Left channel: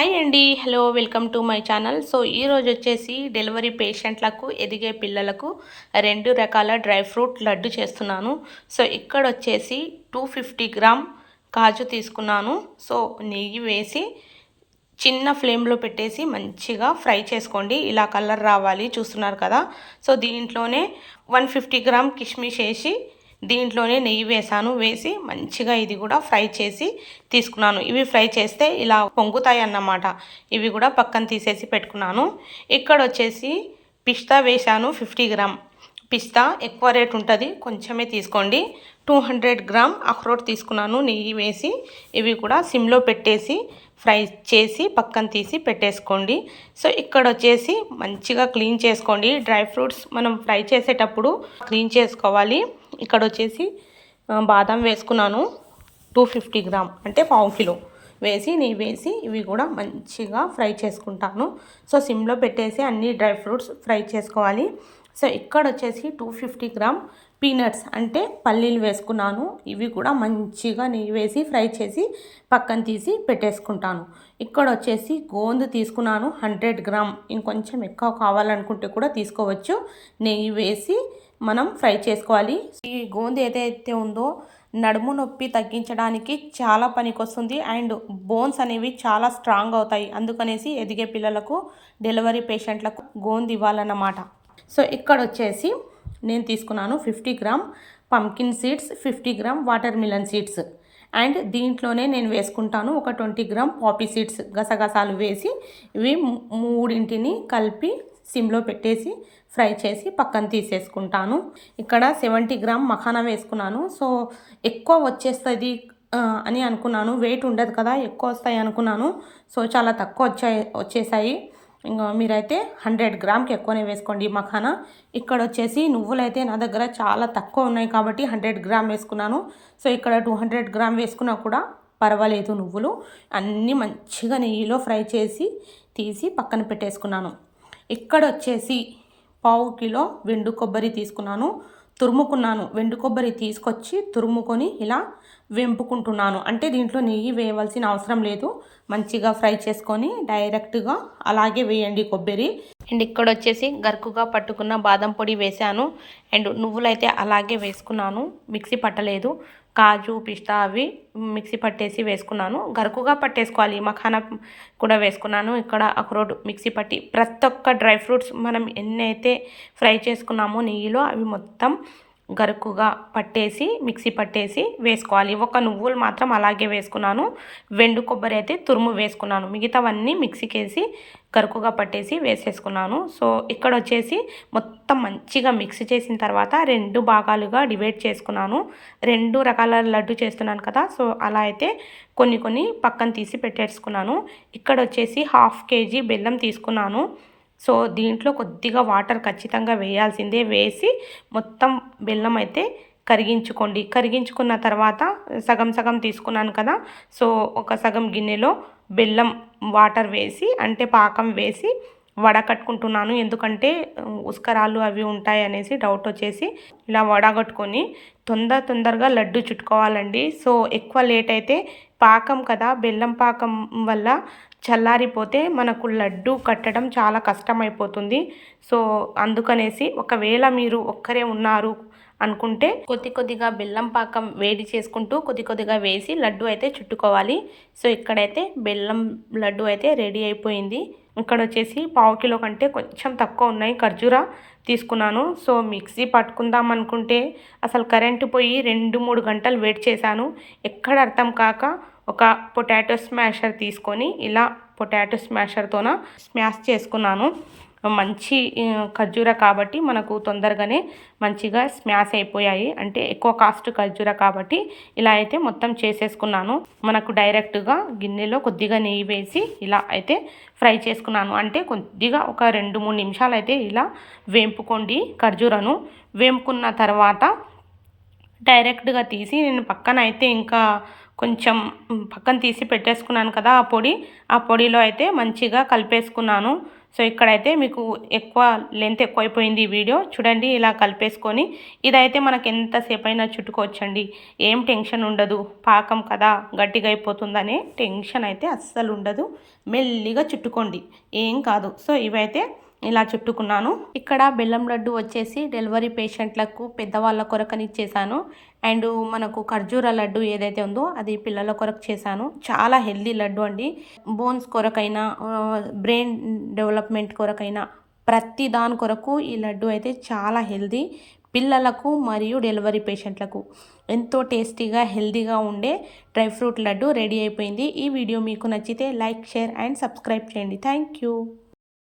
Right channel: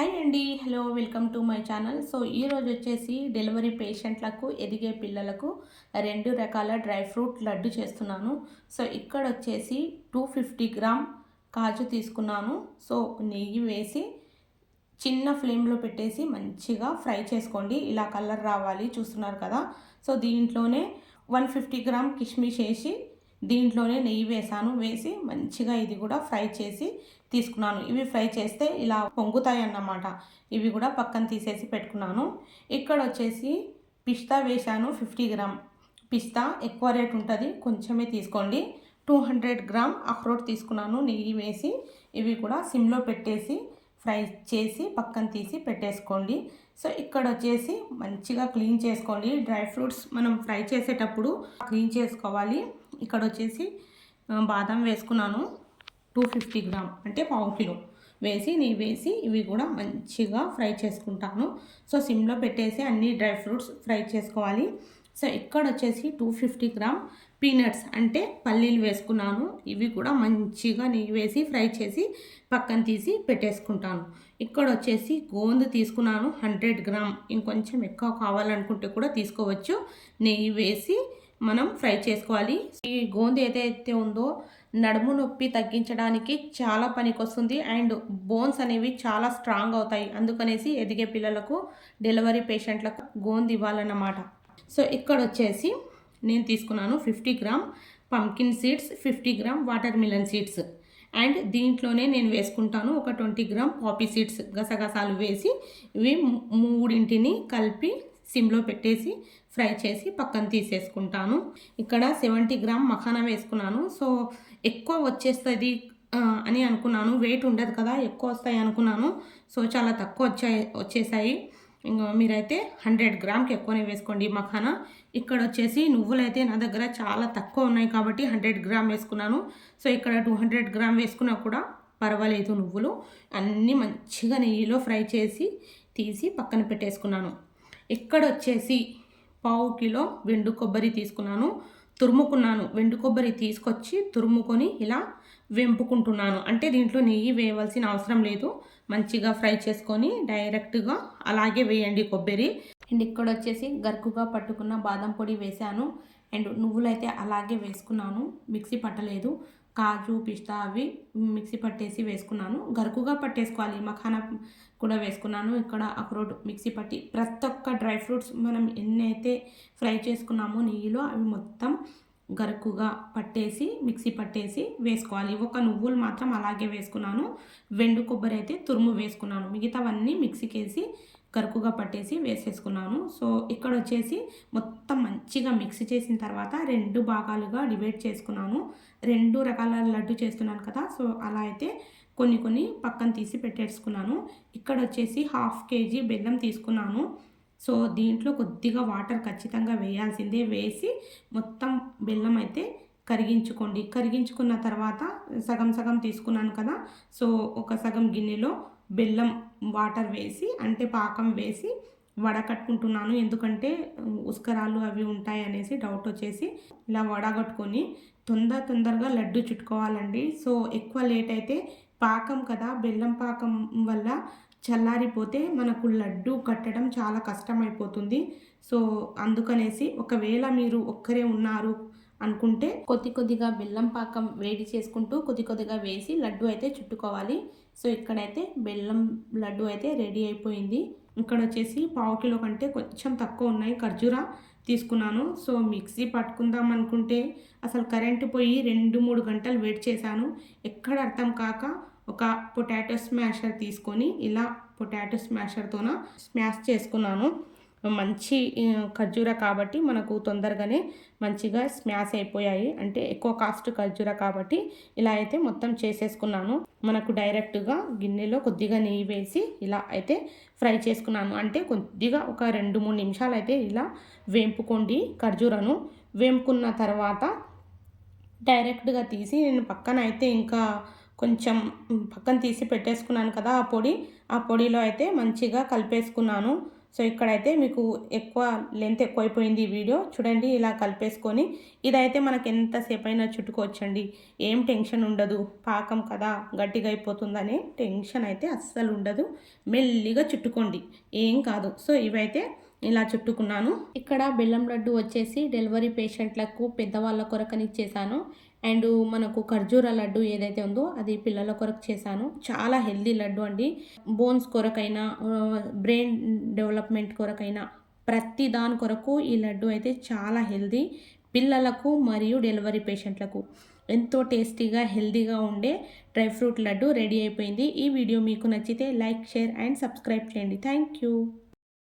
Hi అండి hello welcome to my channel so ఈరోజు వచ్చేసి డెలివరీ పేషెంట్లకు ఎదిగే పిల్లలకు రెండు రకాల డ్రై ఫ్రూట్ లడ్డు చేస్తున్నాను. సో ఇక్కడ వచ్చేసి టూ ఫిఫ్టీ గ్రామ్ కాజు తీసుకున్నాను. సో నెయ్యి వేసి చిన్న ఫ్లేమ్లో పెట్టేసి మంచిగా ఫ్రై చేసుకోండి. ఇలా కలర్ రావాలి చూస్తున్నారు కదా. సో దీంట్లోనే వన్ ఫిఫ్టీ గ్రామ్ కిష్మిష్ వేసి దీంట్లోనే నెయ్యి వేసాను. వేసి మంచిగా ఇది కూడా ఫ్రై చేసి తీసుకున్నాను. ఇవి ఫ్రై చేస్తే ఇలా పొంగుతాయి అన్నమాట ఇవి కూడా పక్కన తీసేసి పెట్టుకున్నాను. ఇక్కడ వచ్చేసి పిస్తా వేసాను ఫిఫ్టీ గ్రామ్. పిస్తా ఎక్కువ రేట్ ఉంటుంది కొంచెమే తీసుకోండి. టూ హండ్రెడ్ గ్రామ్ అక్రోట్ తీసుకున్నాను నెయ్యి వేసి. ఇవి కూడా సిమ్లో పెట్టేసి ఫ్రై చేసి పక్కన తీసి పెట్టేసుకోండి. సో ఇక్కడ వచ్చేసి మంచిగా క్లీన్ చేసుకోండి. డ్రై ఫ్రూట్స్ మనం ఫ్రై చేసేటప్పుడు క్లీన్ చేసుకోవాలి. ఇక్కడ వచ్చేసి బాదం వేసుకున్నాను. టూ ఫిఫ్టీ గ్రామ్ అంటే పావు కిలో. వేసి నెయ్యి వేసి ఇవి కూడా మంచిగా ఫ్రై చేసుకుంటాను. సో సిమ్లో పెట్టేసి అన్ని డ్రై ఫ్రూట్స్ ఫ్రై చేసుకోవాలి. సో ఇక్కడ వచ్చేసి టూ ఫిఫ్టీ గ్రామ్ పీనట్స్ అంటే పల్లీలు వేసుకున్నాను. ఇవి కూడా మంచిగా నెయ్యి వేసి ఫ్రై చేసి పక్కన తీసి పెట్టేసుకుంటాను. ఇక్కడ వచ్చేసి గోందు తీసుకున్నాను హండ్రెడ్ గ్రామ్. ఇంకొంచెం ఎక్కువ కావాలనుకుంటే కూడా తీసుకోవచ్చు. నెయ్యి వేసి మనం ఫ్రై చేసుకోవాలి. ఈ గోంద ఏదైతే ఉందో నడుము నొప్పి తగ్గించడానికి చాలా పనికొస్తుంది. అండ్ బోన్స్ అనేవి చాలా స్ట్రాంగ్ అవుతాయి. అందుకనేసి ఎదిగే పిల్లలకు డెలివరీ పేషెంట్లకు గోంది ఇవ్వాలన్నమాట. సో ఇక్కడ వచ్చేసి నేను తీసుకున్నాను fifty gram. Pumpkin seeds fifty gram watermelon seeds. And దీంట్లోనే నేను వేసుకుంటాను ఒక ట్వంటీ గ్రామ్ పాపీ సీడ్స్ గసగసాలు వేసి ఇవి మూడింటిని కలిపి సిమ్లో పెట్టేసి ఫ్రై చేసి పక్కన తీసేసుకుంటాను. ఇక్కడ సెవెంటీ గ్రామ్ మఖానా వేసుకున్నాను. సో ఎక్కువ వచ్చేస్తుంది అని అనుకున్నాను. వెయిట్ ఉండదు కదా ఎక్కువ వస్తాయి అనుకున్నాను. సో చాలా తక్కువ వచ్చాయి వచ్చేసాయి. ఇంకా మీరైతే హండ్రెడ్ గ్రామ్కి ఎక్కువనే వేసుకోండి మఖానా. ఇక్కడ వచ్చేసి నువ్వులు అయితే నా దగ్గర చాలా తక్కువ ఉన్నాయి కాబట్టి హండ్రెడ్ గ్రామ్ వేసుకున్నాను. సో ఇక్కడ టూ హండ్రెడ్ గ్రామ్ వేసుకున్నా కూడా పర్వాలేదు నువ్వులు. అన్నీ మంచిగా నెయ్యిలో ఫ్రై చేసి తీసి పక్కన పెట్టేసుకున్నాను. ఇక్కడ వచ్చేసి పావు కిలో వెండు కొబ్బరి తీసుకున్నాను. తురుముకున్నాను. వెండు కొబ్బరి తీసుకొచ్చి తురుముకొని ఇలా వెంపుకుంటున్నాను. అంటే దీంట్లో నెయ్యి వేయవలసిన అవసరం లేదు. మంచిగా ఫ్రై చేసుకొని డైరెక్ట్గా అలాగే వేయండి కొబ్బరి. అండ్ ఇక్కడ వచ్చేసి గరుకుగా పట్టుకున్న బాదం పొడి వేసాను. అండ్ నువ్వులైతే అలాగే వేసుకున్నాను. మిక్సీ పట్టలేదు. కాజు పిస్తా అవి మిక్సీ పట్టేసి వేసుకున్నాను. గరుకుగా పట్టేసుకోవాలి. మఖానా కూడా వేసుకున్నాను. ఇక్కడ అక్రోడ్ మిక్సీ పట్టి ప్రతి ఒక్క డ్రై ఫ్రూట్స్ మనం ఎన్నైతే ఫ్రై చేసుకున్నామో నెయ్యిలో అవి మొత్తం గరుకుగా పట్టేసి మిక్సీ పట్టేసి వేసుకోవాలి. ఒక నువ్వులు మాత్రం అలాగే వేసుకున్నాను. వెండు కొబ్బరి అయితే తురుము వేసుకున్నాను. మిగతావన్నీ మిక్సీకి వేసి గరుకుగా పట్టేసి వేసేసుకున్నాను. సో ఇక్కడ వచ్చేసి మొత్తం మంచిగా మిక్స్ చేసిన తర్వాత రెండు భాగాలుగా డివైడ్ చేసుకున్నాను. రెండు రకాల లడ్డు చేస్తున్నాను కదా సో అలా అయితే కొన్ని కొన్ని పక్కన తీసి పెట్టేసుకున్నాను. ఇక్కడ వచ్చేసి హాఫ్ కేజీ బెల్లం తీసుకున్నాను. సో దీంట్లో కొద్దిగా వాటర్ ఖచ్చితంగా వేయాల్సిందే. వేసి మొత్తం బెల్లం అయితే కరిగించుకోండి. కరిగించుకున్న తర్వాత సగం సగం తీసుకున్నాను కదా సో ఒక సగం గిన్నెలో బెల్లం వాటర్ వేసి అంటే పాకం వేసి వడకట్టుకుంటున్నాను. ఎందుకంటే ఉస్కరాలు అవి ఉంటాయి అనేసి డౌట్ వచ్చేసి ఇలా వడగట్టుకొని తొందర తొందరగా లడ్డు చుట్టుకోవాలండి. సో ఎక్కువ లేట్ అయితే పాకం కదా బెల్లం పాకం వల్ల చల్లారిపోతే మనకు లడ్డు కట్టడం చాలా కష్టమైపోతుంది. సో అందుకనేసి ఒకవేళ మీరు ఒక్కరే ఉన్నారు అనుకుంటే కొద్ది కొద్దిగా బెల్లం పాకం వేడి చేసుకుంటూ కొద్ది కొద్దిగా వేసి లడ్డు అయితే చుట్టుకోవాలి. సో ఇక్కడైతే బెల్లం లడ్డు అయితే రెడీ అయిపోయింది. ఇక్కడ వచ్చేసి పావు కిలో కంటే కొంచెం తక్కువ ఉన్నాయి. ఖర్జూరా తీసుకున్నాను. సో మిక్సీ పట్టుకుందాం అనుకుంటే అసలు కరెంటు పోయి రెండు మూడు గంటలు వెయిట్ చేశాను. ఎక్కడ అర్థం కాక ఒక పొటాటో స్మాషర్ తీసుకొని ఇలా పొటాటో స్మాషర్తోన స్మాష్ చేసుకున్నాను. మంచి ఖర్జూర కాబట్టి మనకు తొందరగానే మంచిగా స్మాష్ అయిపోయాయి. అంటే ఎక్కువ కాస్ట్ ఖర్జూర కాబట్టి ఇలా అయితే మొత్తం చేసేసుకున్నాను. మనకు డైరెక్ట్గా గిన్నెలో కొద్దిగా నెయ్యి వేసి ఇలా అయితే ఫ్రై చేసుకున్నాను. అంటే కొద్దిగా ఒక రెండు మూడు నిమిషాలు అయితే ఇలా వేంపుకోండి ఖర్జూరను. వేంపుకున్న తర్వాత డైరెక్ట్గా తీసి నేను పక్కన అయితే ఇంకా కొంచెం పక్కన తీసి పెట్టేసుకున్నాను కదా ఆ పొడి. ఆ పొడిలో అయితే మంచిగా కలిపేసుకున్నాను. సో ఇక్కడైతే మీకు ఎక్కువ లెంత్ ఎక్కువైపోయింది ఈ వీడియో. చూడండి ఇలా కలిపేసుకొని ఇదైతే మనకి ఎంతసేపు అయినా చుట్టుకోవచ్చండి. ఏం టెన్షన్ ఉండదు. పాకం కదా గట్టిగా అయిపోతుందనే టెన్షన్ అయితే అస్సలు ఉండదు. మెల్లిగా చుట్టుకోండి. ఏం కాదు. సో ఇవైతే ఇలా చుట్టుకున్నాను. ఇక్కడ బెల్లం లడ్డు వచ్చేసి డెలివరీ పేషెంట్లకు పెద్దవాళ్ళ కొరకని ఇచ్చేసాను అండ్ మనకు ఖర్జూర లడ్డు ఏదైతే ఉందో అది పిల్లల కొరకు చేశాను. చాలా హెల్దీ లడ్డు అండి. బోన్స్ కొరకైనా బ్రెయిన్ డెవలప్మెంట్ కొరకైనా ప్రతి దాని కొరకు ఈ లడ్డు అయితే చాలా హెల్దీ. పిల్లలకు మరియు డెలివరీ పేషెంట్లకు ఎంతో టేస్టీగా హెల్దీగా ఉండే డ్రై ఫ్రూట్ లడ్డు రెడీ అయిపోయింది. ఈ వీడియో మీకు నచ్చితే లైక్ షేర్ అండ్ సబ్స్క్రైబ్ చేయండి. Thank you.